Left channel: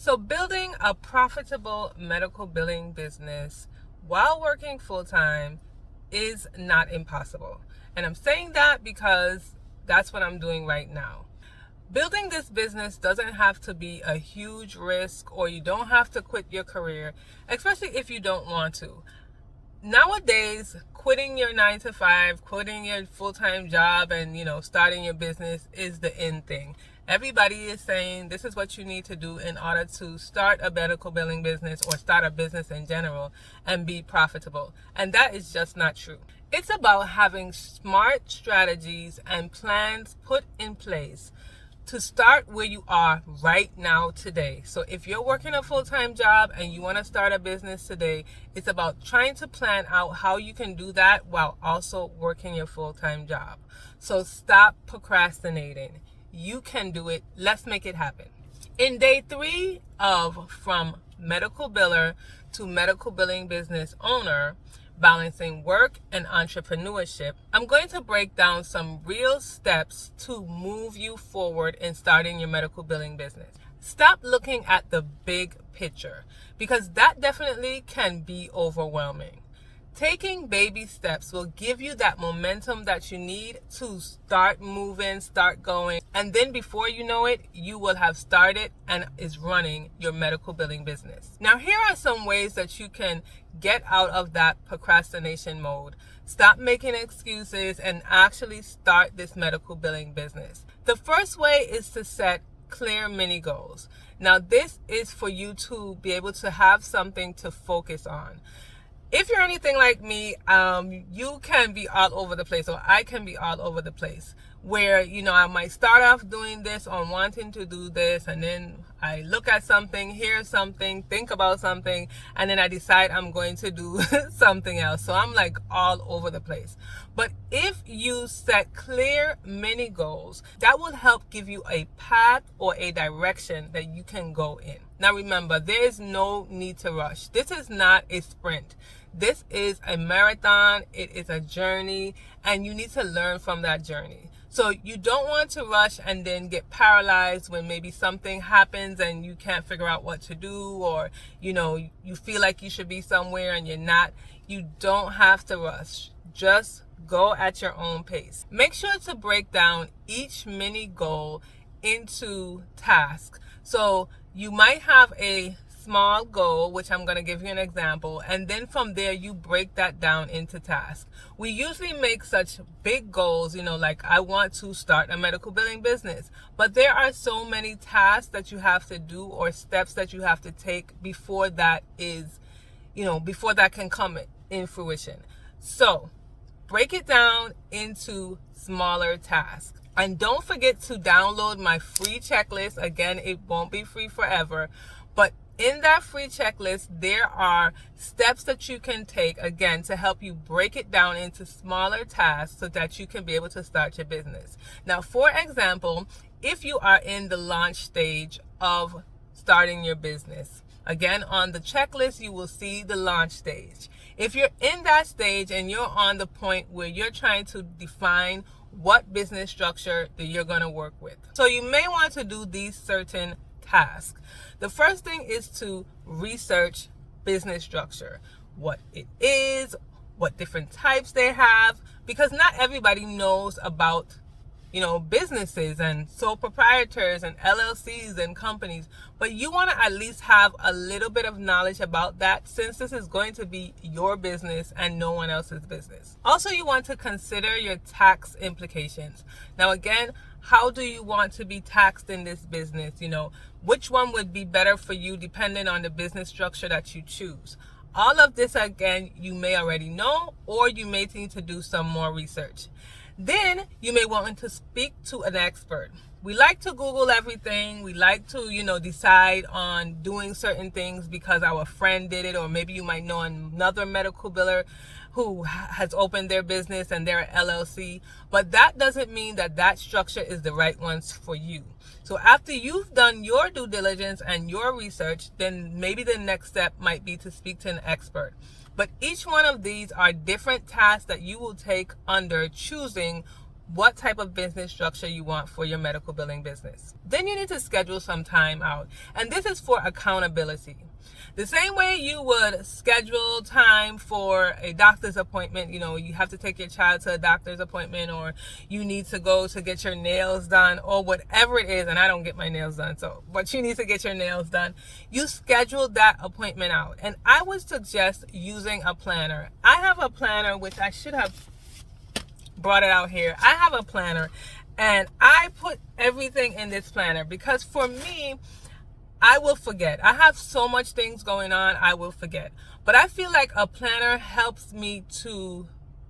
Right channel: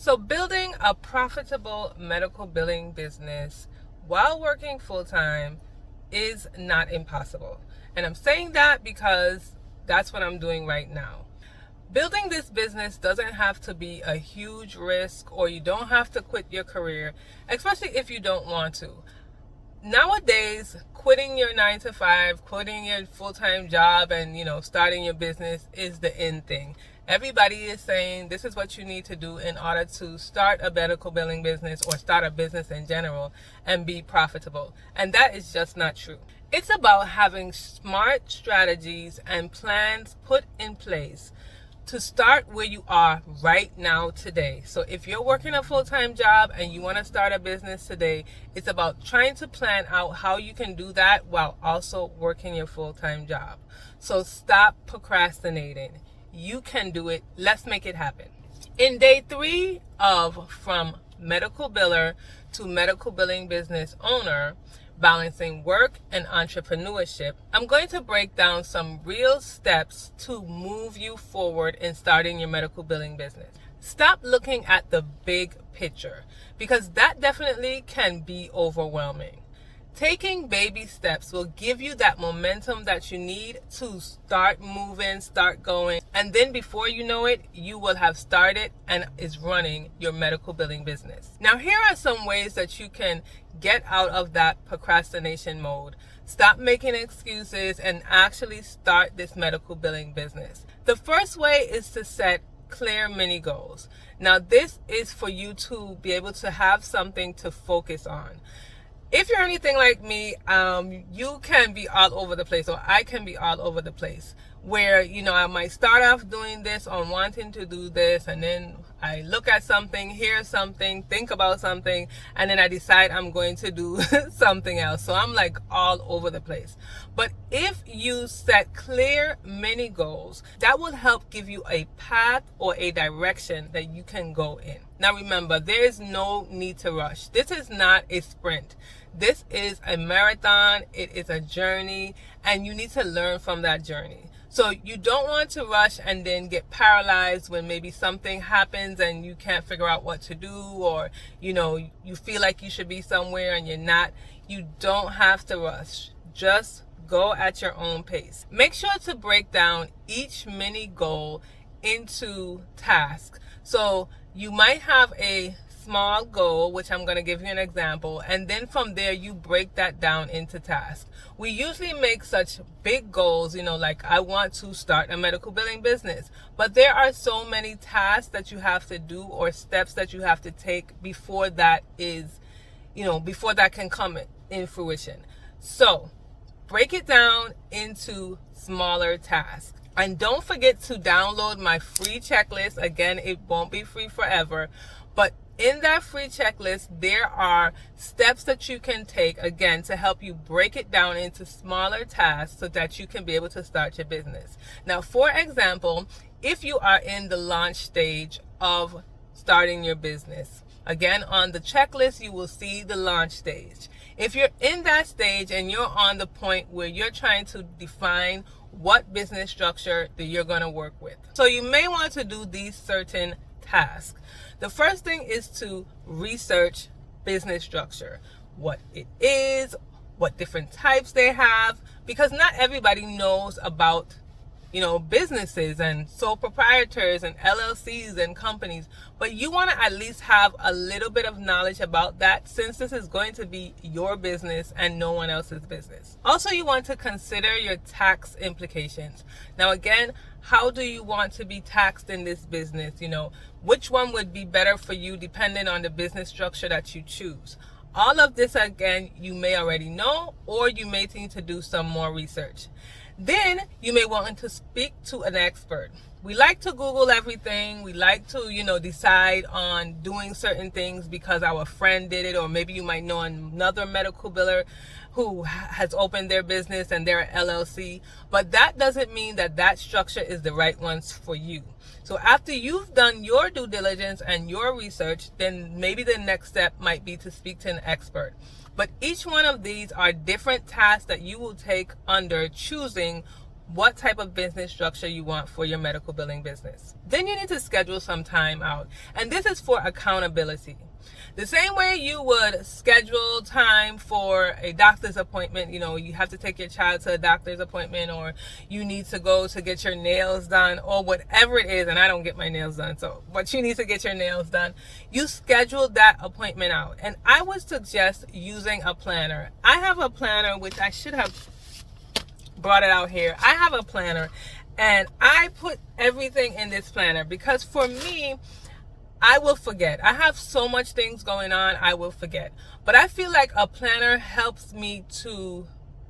So building a profitable medical billing business while working full-time is not impossible. And I'm saying that because that's what I'm doing right now. Building this business doesn't have to be a huge risk, or you don't have to quit your career, especially if you don't want to. Nowadays, quitting your 9 to 5, quitting your full-time job and, starting your business is the in thing. Everybody is saying this is what you need to do in order to start a medical billing business or start a business in general and be profitable. And that is just not true. It's about having smart strategies and plans put in place to start where you are right now today. So if you're working a full-time job and you want to start a business today, it's about trying to plan out how you can do that while also working your full-time job. So stop procrastinating. You can do it. Let's make it happen. In day 3 of From Medical Biller to Medical Billing Business Owner, Balancing Work and Entrepreneurship, I'm going to break down some real steps to move you forward in starting your medical billing business. Stop looking at the big picture, because that definitely can be overwhelming. Taking baby steps will give you that momentum that you need to start moving, start going, and then before you know it, you will have started and is running your medical billing business. Now, here are some ways that you can get out of that procrastination mode. Stop making excuses and actually start this medical billing business. The first way is to set clear mini goals. Now, this is for you to be able to have something to focus on. If you're anything like me, you can be all over the place, or I can be all over the place, where, I might start off doing this on wanting to do this, and then I look at something, hear something, think about something, and then I decide I'm going to do something else. So I'm like all over the place. But if you set clear mini goals, that will help give you a path or a direction that you can go in. Now remember, there is no need to rush. This is not a sprint. This is a marathon. It is a journey, and you need to learn from that journey. So you don't want to rush and then get paralyzed when maybe something happens and you can't figure out what to do, or you feel like you should be somewhere and you're not. You don't have to rush. Just go at your own pace. Make sure to break down each mini goal into tasks. So you might have a small goal, which I'm going to give you an example, and then from there you break that down into tasks. We usually make such big goals, like I want to start a medical billing business, but there are so many tasks that you have to do or steps that you have to take before that before that can come in fruition. So break it down into smaller tasks. And don't forget to download my free checklist. Again, it won't be free forever, but in that free checklist, there are steps that you can take, again, to help you break it down into smaller tasks so that you can be able to start your business. Now, for example, if you are in the launch stage of starting your business, again, on the checklist, you will see the launch stage. If you're in that stage and you're on the point where you're trying to define what business structure that you're going to work with, so you may want to do these certain tasks. The first thing is to research business structure, what it is, what different types they have, because not everybody knows about businesses and sole proprietors and LLCs and companies, but you want to at least have a little bit of knowledge about that, since this is going to be your business and no one else's business. Also, you want to consider your tax implications. Now again, how do you want to be taxed in this business? Which one would be better for you depending on the business structure that you choose? All of this, again, you may already know, or you may need to do some more research. Then you may want to speak to an expert. We like to Google everything. We like to, decide on doing certain things because our friend did it, or maybe you might know another medical biller who has opened their business and they're an LLC, but that doesn't mean that that structure is the right ones for you. So after you've done your due diligence and your research, then maybe the next step might be to speak to an expert. But each one of these are different tasks that you will take under choosing what type of business structure you want for your medical billing business. Then you need to schedule some time out. And this is for accountability. The same way you would schedule time for a doctor's appointment, you have to take your child to a doctor's appointment, or you need to go to get your nails done, or whatever it is. And I don't get my nails done, but you need to get your nails done. You schedule that appointment out. And I would suggest using a planner. I have a planner, which I should have brought it out here. I have a planner, and I put everything in this planner because for me, I will forget. I have so much things going on, I will forget. But I feel like a planner helps me to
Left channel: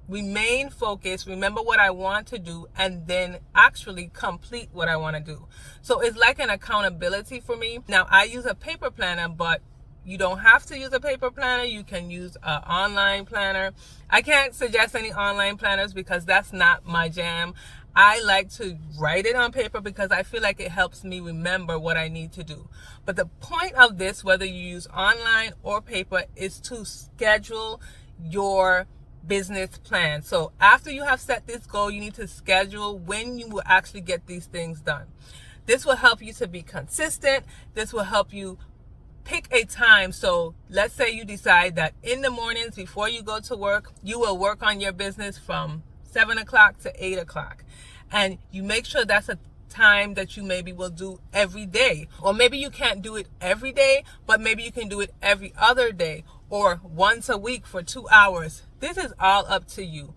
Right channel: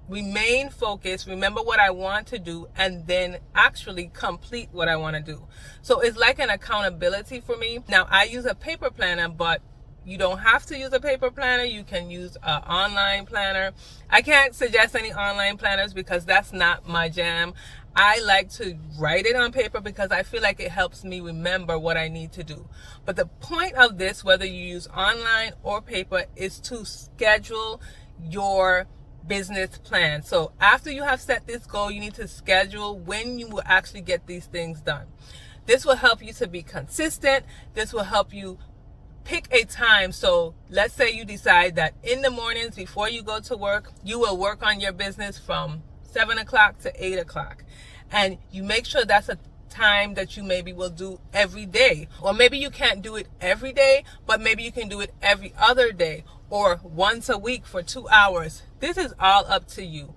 remain focused, remember what I want to do, and then actually complete what I want to do. So it's like an accountability for me. Now, I use a paper planner, but you don't have to use a paper planner. You can use an online planner. I can't suggest any online planners because that's not my jam. I like to write it on paper because I feel like it helps me remember what I need to do. But the point of this, whether you use online or paper, is to schedule your business plan. So after you have set this goal, you need to schedule when you will actually get these things done. This will help you to be consistent. This will help you pick a time. So let's say you decide that in the mornings before you go to work, you will work on your business from 7 o'clock to 8 o'clock. And you make sure that's a time that you maybe will do every day. Or maybe you can't do it every day, but maybe you can do it every other day or once a week for 2 hours. This is all up to you.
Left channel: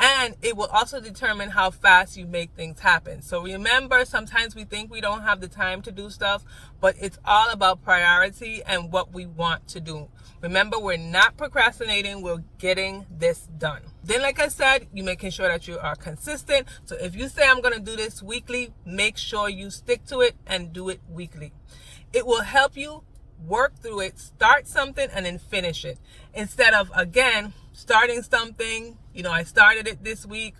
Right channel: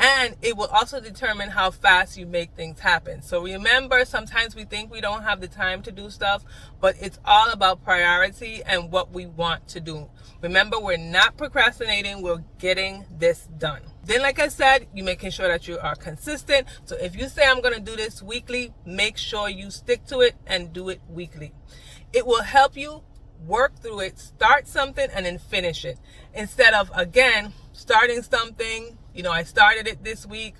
And it will also determine how fast you make things happen. So remember, sometimes we think we don't have the time to do stuff, but it's all about priority and what we want to do. Remember, we're not procrastinating, we're getting this done. Then, like I said, you're making sure that you are consistent. So if you say I'm going to do this weekly, make sure you stick to it and do it weekly. It will help you work through it, start something and then finish it. Instead of, again, starting something, I started it this week.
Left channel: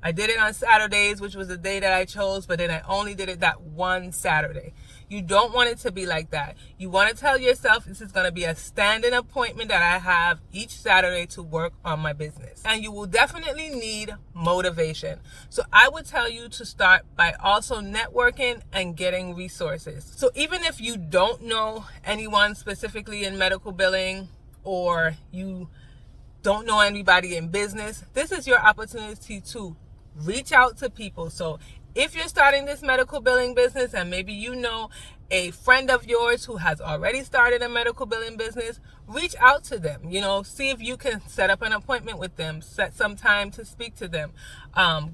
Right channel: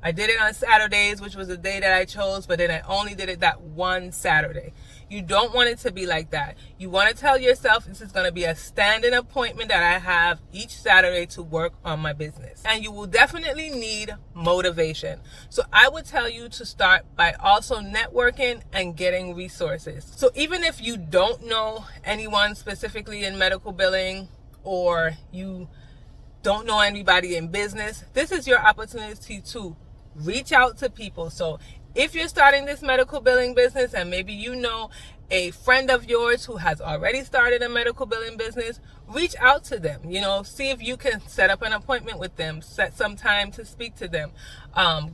I did it on Saturdays, which was the day that I chose, but then I only did it that one Saturday. You don't want it to be like that. You want to tell yourself this is going to be a standing appointment that I have each Saturday to work on my business. And you will definitely need motivation. So I would tell you to start by also networking and getting resources. So even if you don't know anyone specifically in medical billing, or you don't know anybody in business, this is your opportunity to reach out to people. So if you're starting this medical billing business and maybe you know a friend of yours who has already started a medical billing business, reach out to them. See if you can set up an appointment with them, set some time to speak to them.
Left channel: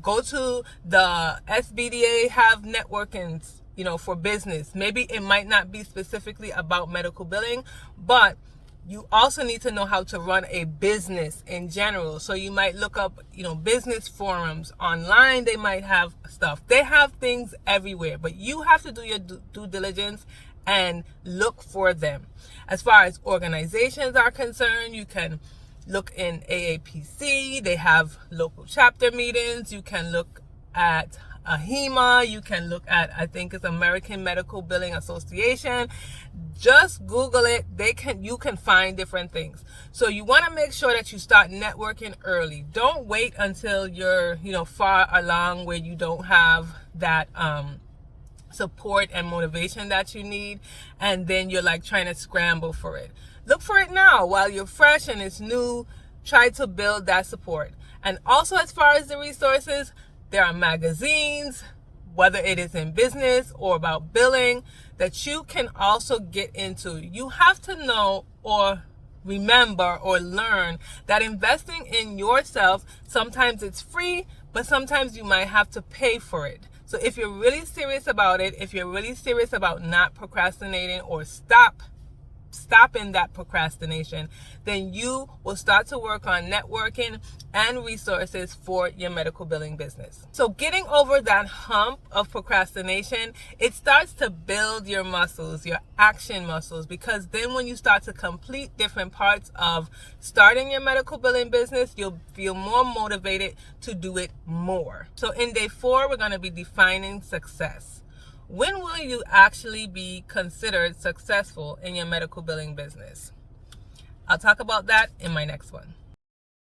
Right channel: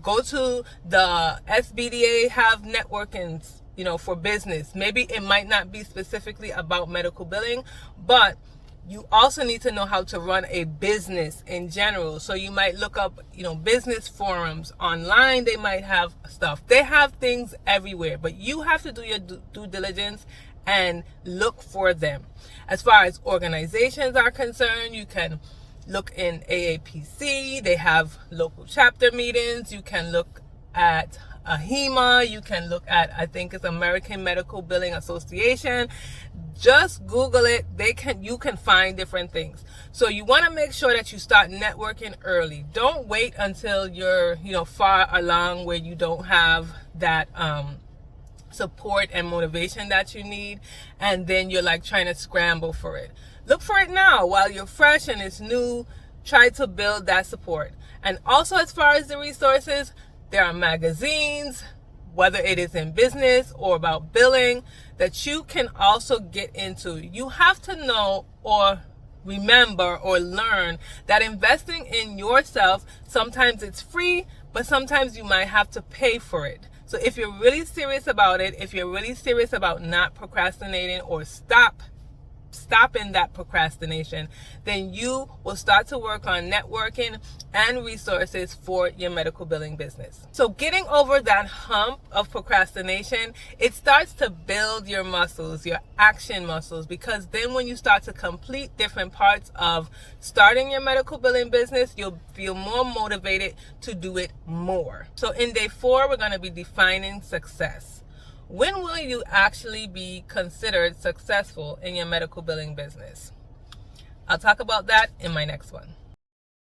Go to the SBDA, have networkings, for business. Maybe it might not be specifically about medical billing, but you also need to know how to run a business in general. So you might look up, business forums online. They might have stuff. They have things everywhere, but you have to do your due diligence and look for them. As far as organizations are concerned, you can look in AAPC. They have local chapter meetings. You can look at AHIMA. You can look at, I think it's American Medical Billing Association. Just Google it. You can find different things. So you want to make sure that you start networking early. Don't wait until you're, far along where you don't have that support and motivation that you need, and then you're like trying to scramble for it. Look for it now while you're fresh and it's new. Try to build that support. And also, as far as the resources, there are magazines, whether it is in business or about billing, that you can also get into. You have to know or remember or learn that investing in yourself, sometimes it's free, but sometimes you might have to pay for it. So if you're really serious about it, if you're really serious about not procrastinating or stopping that procrastination, then you will start to work on networking and resources for your medical billing business. So getting over that hump of procrastination, it starts to build your muscles, your action muscles, because then when you start to complete different parts of starting your medical billing business, you'll feel more motivated to do it more. So in day 4, we're going to be defining success. When will you actually be considered successful in your medical billing business? I'll talk about that in my next one.